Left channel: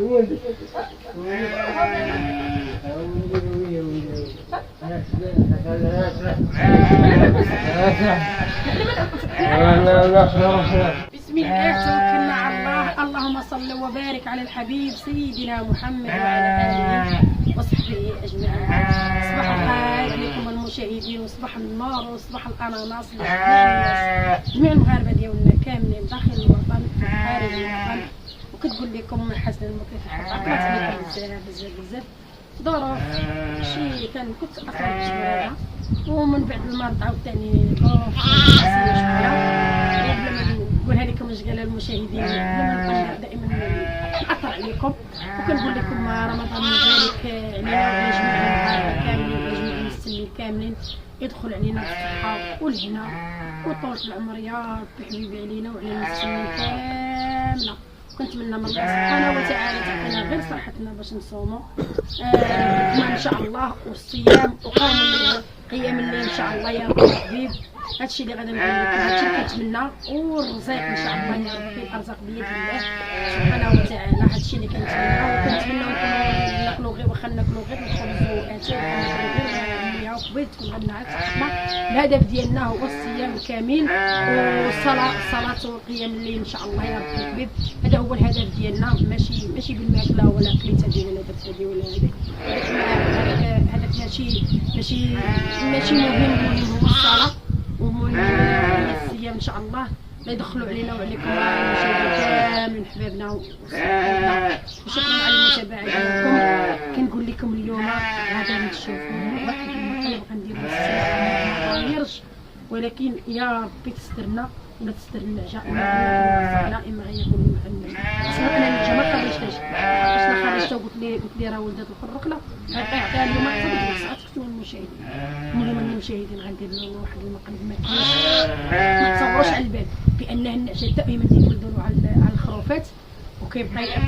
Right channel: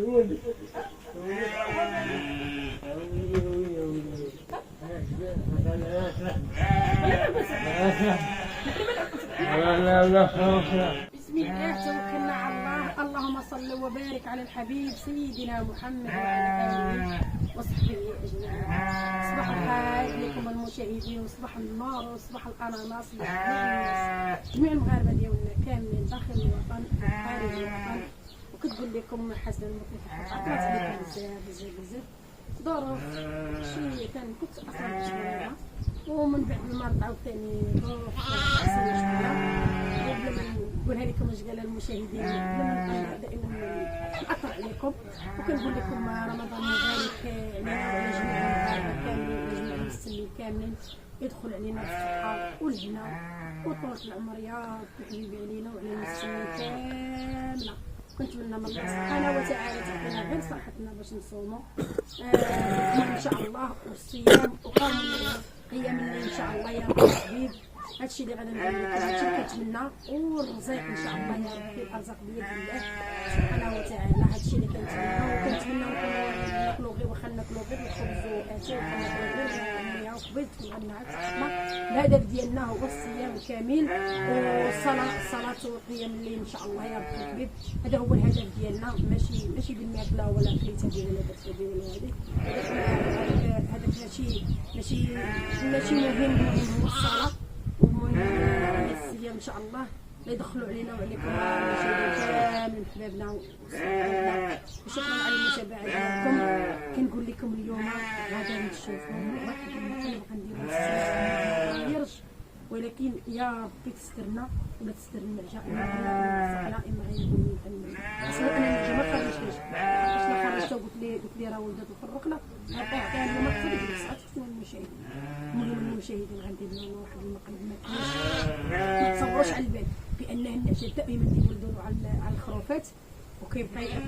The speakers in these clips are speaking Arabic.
بسم الله توكلنا على الله. اللهم صل وبارك على الحبيب سيدنا محمد وعلى آله وصحبه أجمعين. صباح الخير عليكم المشاهدين، وصباح النار وصباح الأناناس جميع المغاربة ديالنا كاملين داخل الوطن وخارج الوطن. وكتقول لكم حسن المكيف عقلت عليكم بزاف ظروف شي كنت اصلا شويه، ومن بعد المرض عاوتاني ظروف شخصيه شويه. قبل ما نقولها لكم اش قال المشاهدين، لما دائما ناثر عليكم وكنقول لكم رمضان مبارك علينا وعلى جميع المغاربه كاملين وعلى جميع المسلمين كاملين. يدخل علينا بالصحه والهنا وطول العمر يا ربي حبيبي علينا وعلى المسلمين كامله. كنتمنى من الله سبحانه وتعالى تعطينا غير صحتنا باش نصوموا ان شاء الله، والصيام قيام الليل ان شاء الله يا رب الحبيب. هادشي اللي غادي نقول لكم، هادشي اللي كنتمنى، والرزق ان شاء الله يا ربي، الارزاق بيد الله سبحانه وتعالى. هادشي اللي كنتمنى، وكنتمنى ناكلوا غير واخا ناكلوا غير الخبز واتاي غير مياه وخبيط تكون عندنا عاد صحتنا. الهدف ديالنا هو الصيام الكامل والصلاه وقيام الليل ان شاء الله يا رب الحبيب. هذا هو الهدف ديالنا، ماشي بالماكله ولا كليت هذه ولا درت هذه ولا هذه. هدفنا ماشي مهم هو الصلاه، ومهم هي الصيام ان شاء الله. لا يدخلوا علينا وعليكم كامل حبابنا وصحابنا. وشكرا على المتابعه ديالكم. كنقول لكم اليوم غادي نشوفوا واحد المقلب غنديروا الساعه يرج، ولكن يا ربي تسترنا ولا تستر النعجه ولا اما غيقولوا اصلا انا النعجه ما خرجتهاش. باش خرجتها قلت لي راه ولدات الخرقله غيعطيها اليوم اكثر من ساعات كنتو المشاهدين. المهم المشاهدين غندير لهم واحد المقلب ما تصوروش على البال بانه النعجه دائما تيولدوا له على الخروفات، وكيبقى يبطل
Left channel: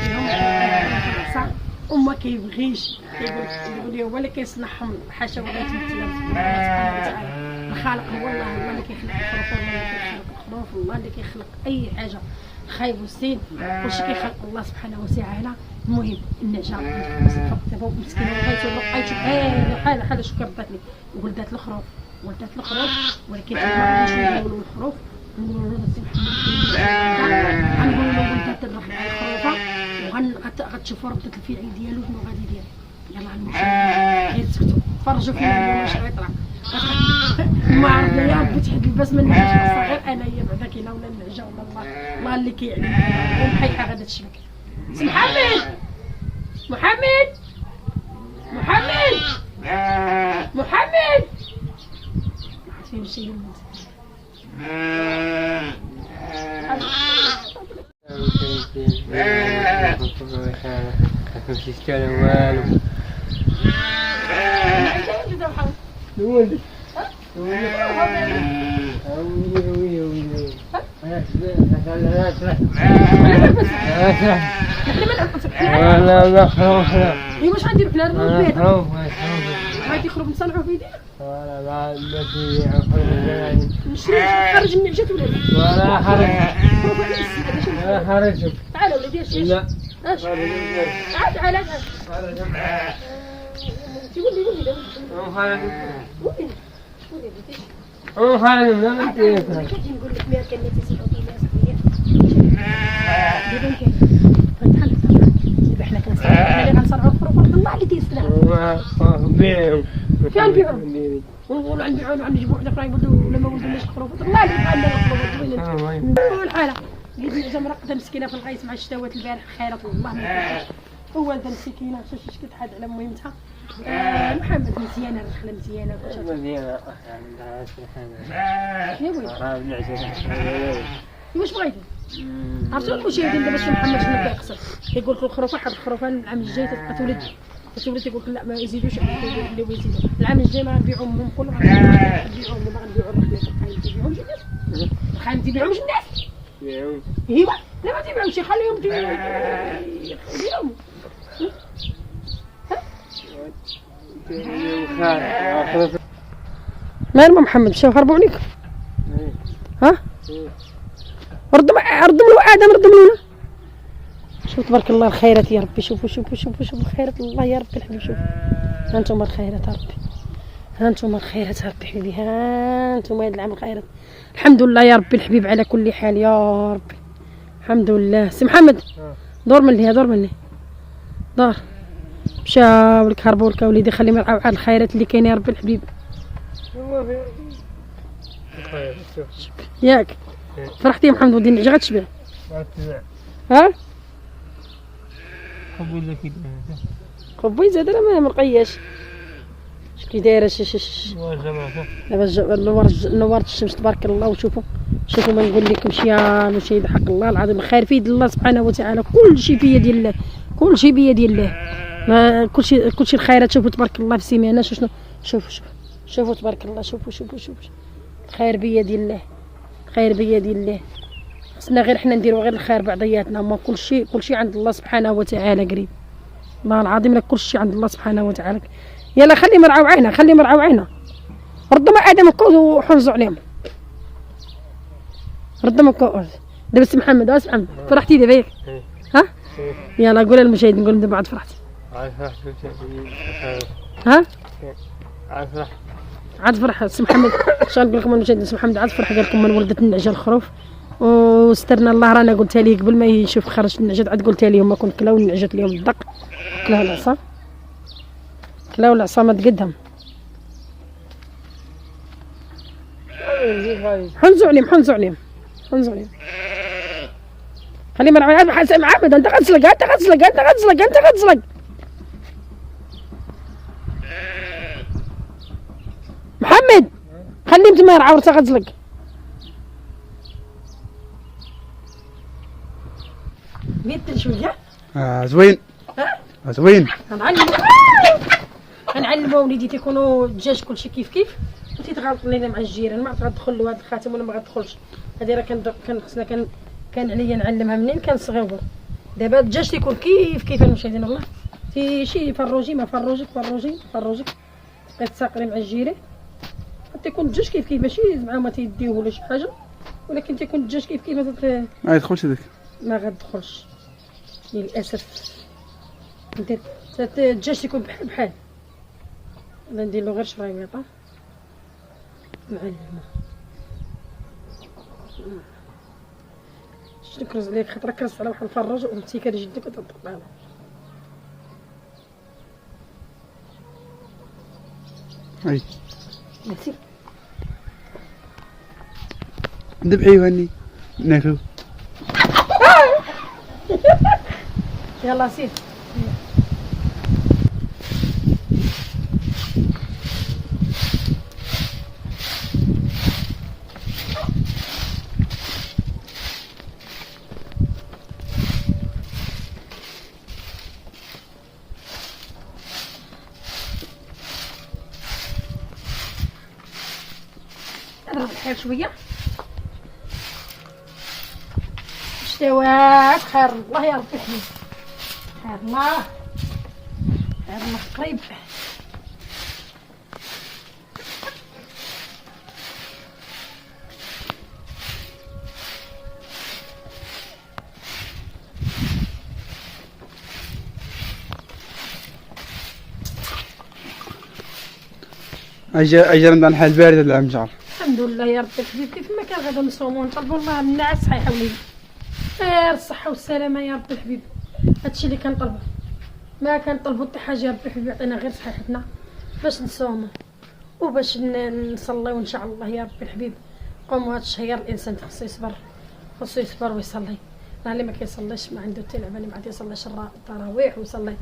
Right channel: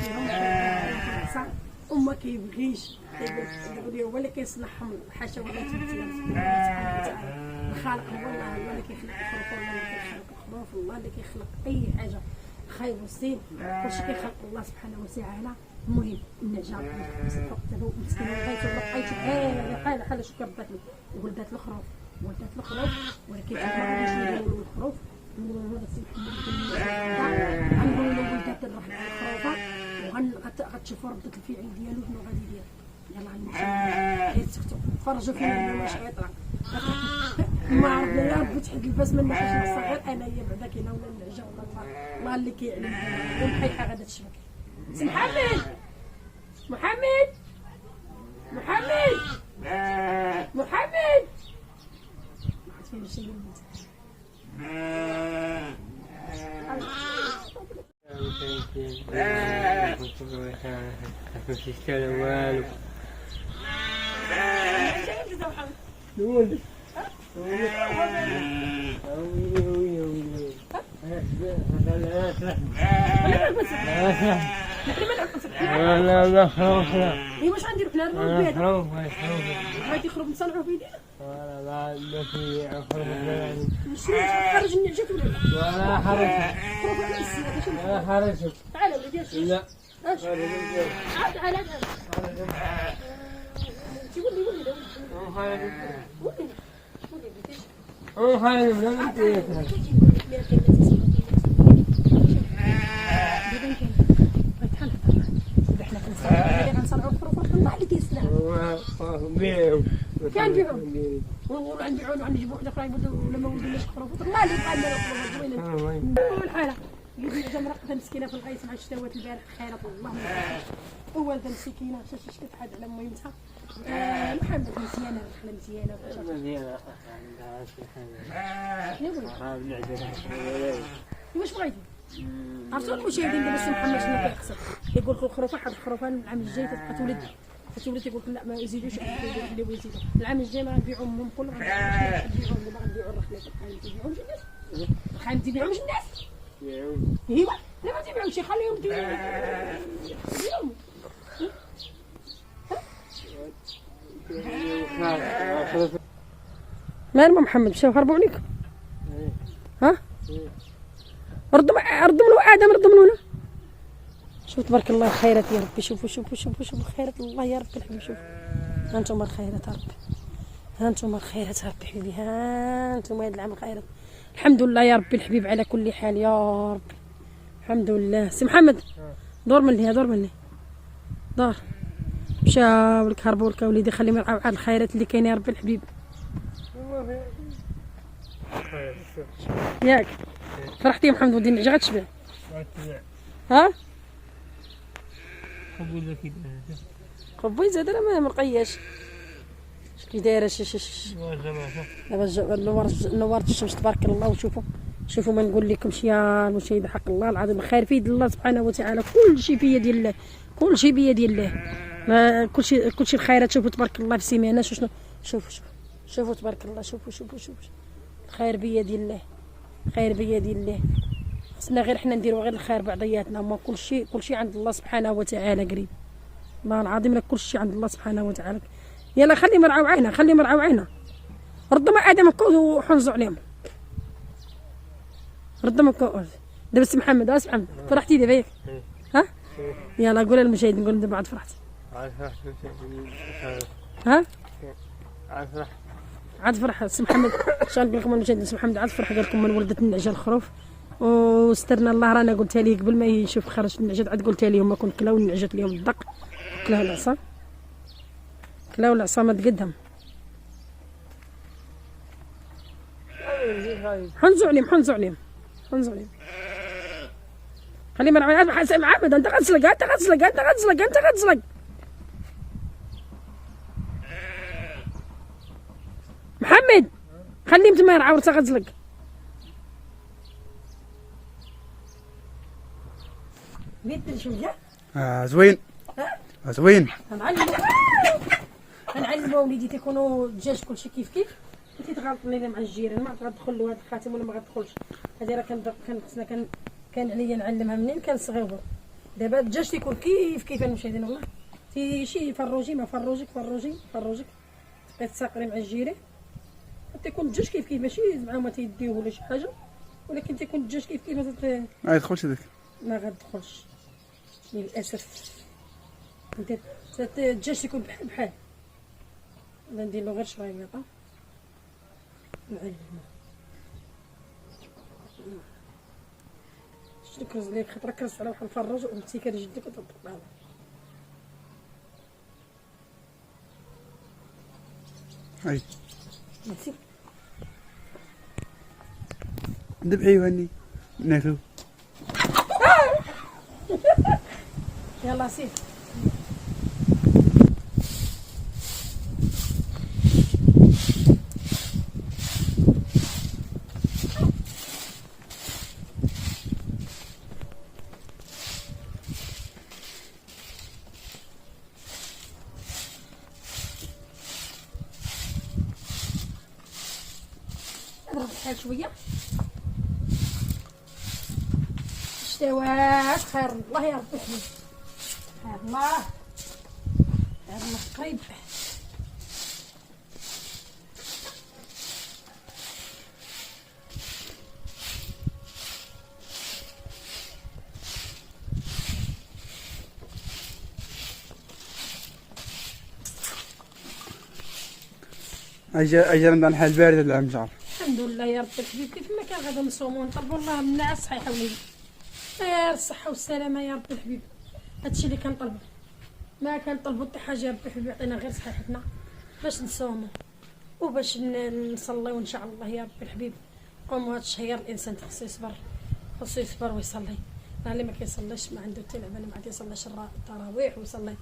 فيهم العصا وما كيبغيش. كيقول لي هو اللي كيصنعهم، حاشا ولا تمثيل الله سبحانه وتعالى. الخالق هو الله اللي كيخلق الخروف، الله اللي كيخلق الخروف، الله اللي كيخلق اي حاجه خايب والسين، كلشي كيخلق الله سبحانه وتعالى. المهم النعجه دابا مسكينه لقيتو بحال شو كبات لي ولدات الخروف ولكن ما غاديش نقولوا الخروف، نقولوا له السي محمد غنقولوا له ولدات الخروفه، وغتشوفوا ردة الفعل ديالو شنو غادي يدير. يلاه المشاهدين غير تسكتوا تفرجوا فينا اليوم اش غيطلع. ما عرفنا يا ربي تحب الباس من النعجه الصغير انايا بعدا كاينه ولا النعجه ولا الله اللي كيعلم. والحيحه غادا تشبك. سي محمد ما عرفت فين مشى الولد. ماشي كلام والو. لا خروف لا. ايوا واش غنديرو حنا البيت؟ غادي يخرج نصنعوه في يدينا؟ لا ماشي خروف يعني. نشري خرج النعجات ولا لا؟ ولا خرج. خروف على السي هذا شنو؟ لا خرج. تعال وليدي اش؟ لا. اش؟ تعال. قول لي. خرج. قول خرج لا ما انت. كتجي نقول لك مياه كان تيسمعوا فيها. دابا كاين. غنتحل دابا حنا غنصنعوا الخروف الله اللي تيسلع. بيعوا. فين نبيعوا؟ ونقولوا غنبيعوا غنجيبوا وحده اخرى يولدوا ولا ما ولدوناش الخروف. الله اللي يبقى لنا الخروف وين الحاله. النعجه مرقده مسكينه في الغيث مع الشتاوات البارح خيرة الله ما يفرحش. والده مسكينه شوف كتحاد على مهمتها. محمد مزيانه الرحله مزيانه عندها شي حاجه. يا ولدي واش بغيتي؟ عرفتوا المشاهدين دابا السي محمد شنو كيقصد؟ كيقول لك الخروفه واحد الخروفه العام الجاي تبقى تولد تيقول لك لا ما يزيدوش اللي يزيدوا العام الجاي ما غنبيعوهم كلهم غنبيعوهم دابا غنبيعوا الرحله تبقى تبيعوهمش الناس واخا ما تبيعوهمش الناس ايوا لا ما تبيعوهمش خليهم يبيعوهم مال محمد مشاو هربوا عليك ها ردوا له ادم ردوا له شوف تبارك الله الخيرات يا ربي. شوفوا شوفوا شوفوا شوفوا الخيرات الله يا ربي الحبيب. شوفوا ها انتم الخيرات يا ربي، ها انتم الخيرات يا ربي حبيبي، ها انتم هاد العام الخيرات. الحمد لله يا ربي الحبيب على كل حال يا ربي. الحمد لله. سي محمد دور من لهي، دور من لهي، دور. مشاو لك هربوا لك وليدي. خلي مرعاو على الخيرات اللي كاين يا ربي الحبيب. ياك فرحتي يا محمد ودي النعجه غتشبع. ها قبي زاد انا ما مقياش. اش كي دايره دابا نورت الشمس تبارك الله. وشوفوا شوفوا ما نقول لكمش يا مشاهد حق الله العظيم الخير في يد الله سبحانه وتعالى. كل شيء في يد الله، كل شيء بيد الله. ما كل شيء الخيرات. شوفوا تبارك الله في سيمانه شنو. شوفوا شوفوا تبارك الله. شوفوا الخير بيد الله، الخير بيد الله. خصنا غير حنا نديروا غير الخير بعضياتنا. ما كل شيء عند الله سبحانه وتعالى قريب. والله العظيم لك كل شيء عند الله سبحانه وتعالى. يلا خلي مرعاو عينا، خلي مرعاو عينا. ردوا ما ادم الكوز وحنزوا عليهم. ردوا ما الكوز. دابا سي محمد، سي محمد فرحتي دابا ياك؟ ها يلا قول للمشاهد، نقول لهم دابا عاد فرحتي. ها عاد فرح سي محمد. شنو نقول لكم المشاهدين؟ سي محمد عاد فرح قال لكم من ولدت النعجه الخروف وسترنا الله. رانا قلتها ليه قبل ما يشوف خرج النعجه، عاد قلتها لهم ما كون كلاو النعجات اليوم الدق، كلاو العصا، كلاو العصا ما تقدم. حنزوا عليهم. خلي مرعي عاد حسن محمد. انت غتسلق محمد. خليه تما يرعى ورثة غتزلق. بيت شويه. زوين. زوين. غنعلموا وليدي تيكونوا الدجاج كلشي كيف وتيتغلط لينا مع الجيران. ما غتدخل له هذا الخاتم ولا ما غتدخلش. هذه راه كان خصنا كان عليا نعلمها منين كان صغيور. دابا الدجاج تيكون كيف المشاهدين. والله شي فروجي ما فروجيك بقيت تساقري مع الجيران. تيكون الدجاج كيف ماشي زعما ما تيديوه ولا شي حاجه، ولكن تيكون الدجاج كيف ما يدخلش هذاك، ما غتدخلش للاسف. ندير الدجاج تيكون بحال ندير له غير شريطه معلمه. شنو كرز عليك خاطر كرز على واحد الفراج وانتي كتجدك وتطبع له. هاي نسيب ذبحي وهني ناكلو. يلا سير. اضرب الحال شويه. استوات. خير الله يا ربي الحميد. خير الله قريب. اجي رمضان حال بارد هذا العام جار. الحمد لله يا ربي الحبيب. كيف ما كان غدا نصوموا ونطلبوا الله من الناس صحيحه وليدي. خير الصحه والسلامه يا ربي الحبيب. هادشي اللي كنطلبوا، ما كنطلبوا حتى حاجه يا ربي الحبيب. يعطينا غير صحيحتنا باش نصوموا وباش نصليو ان شاء الله يا ربي الحبيب. قوموا هاد الشهر الانسان خصو يصبر ويصلي. راه اللي ما كيصليش ما عنده حتى لعبه، اللي ما عاد يصليش التراويح ويصلي.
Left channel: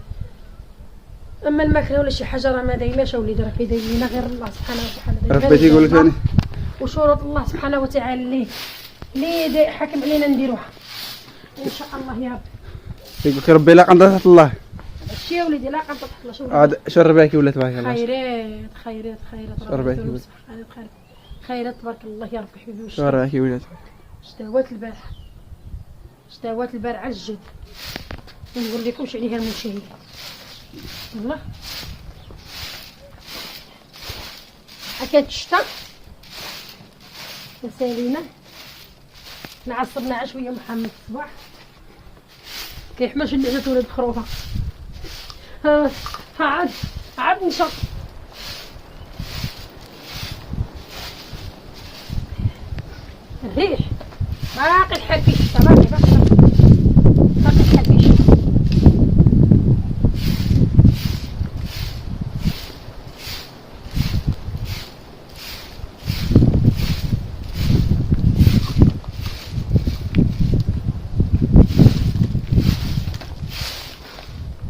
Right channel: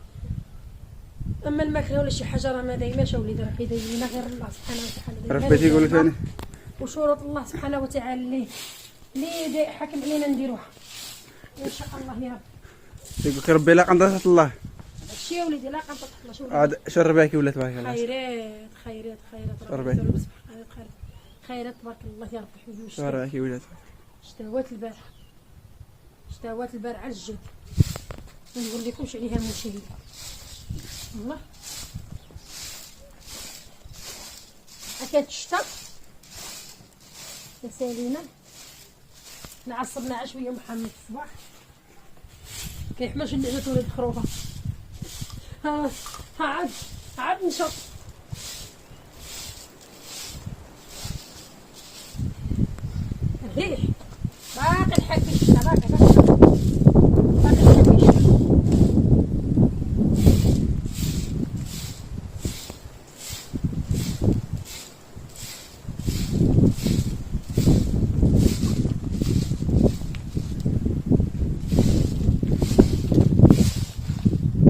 اما الماكله ولا شي حاجه راه ما دايماش اوليدي، راه كيداير لنا غير الله سبحانه وتعالى. ربي تيقول لك ثاني وشروط الله سبحانه وتعالى اللي حاكم علينا نديروها ان شاء الله يا رب. يقول لك ربي لا قنطرة الله. هادشي يا وليدي لا قنطرة الله. شوف عاد شرباكي ولا تبارك الله. خيرات شرباكي ولا خيرات تبارك الله يا ربي حبيبي. شرباكي ولا اشتهوات البارح على الجد. ما نقول لكمش عليها المشاهدين والله. كانت الشتا سالينا نعصبنا شويه محمد الصباح كيحماش اللي جات ولاد خروفه. عاد نشط. الريح باقي الحفيش، باقي الحفيش.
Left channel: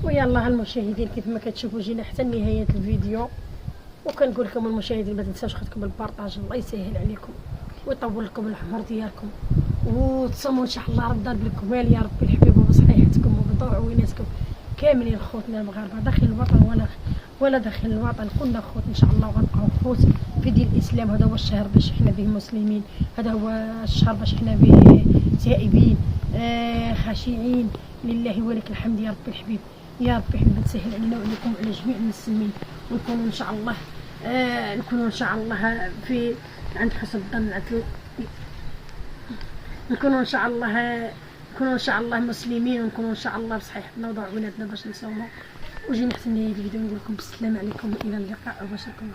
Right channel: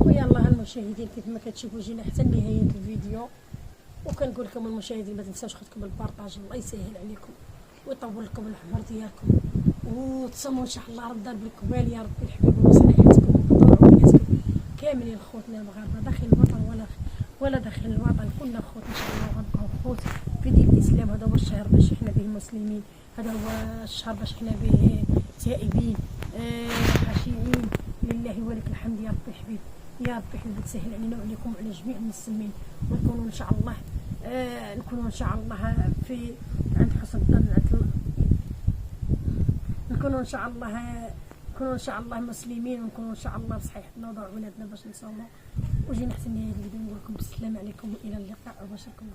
ويلا المشاهدين كيف ما كتشوفوا جينا حتى نهايه الفيديو، وكنقول لكم المشاهدين ما تنساوش خدكم البارطاج، الله يسهل عليكم ويطول لكم العمر ديالكم، وتصوموا ان شاء الله رمضان بالكمال يا ربي الحبيب وصحيحتكم وبطوع وبناتكم كاملين خوتنا المغاربه داخل الوطن ولا داخل الوطن، كلنا خوت ان شاء الله وغنبقاو خوت في دين الاسلام. هذا هو الشهر باش احنا به مسلمين، هذا هو الشهر باش احنا به تائبين خاشعين لله ولك الحمد يا ربي الحبيب. يا ربي حبيبي تسهل علينا وعليكم وعلى جميع المسلمين، ونكونوا ان شاء الله نكونوا ان شاء الله في عند حسن الظن، نكونوا ان شاء الله مسلمين، ونكونوا ان شاء الله بصحيحتنا وضوع ولادنا باش نصوموا. وجينا حتى نهاية الفيديو نقول لكم بالسلام عليكم والى اللقاء وبشركم.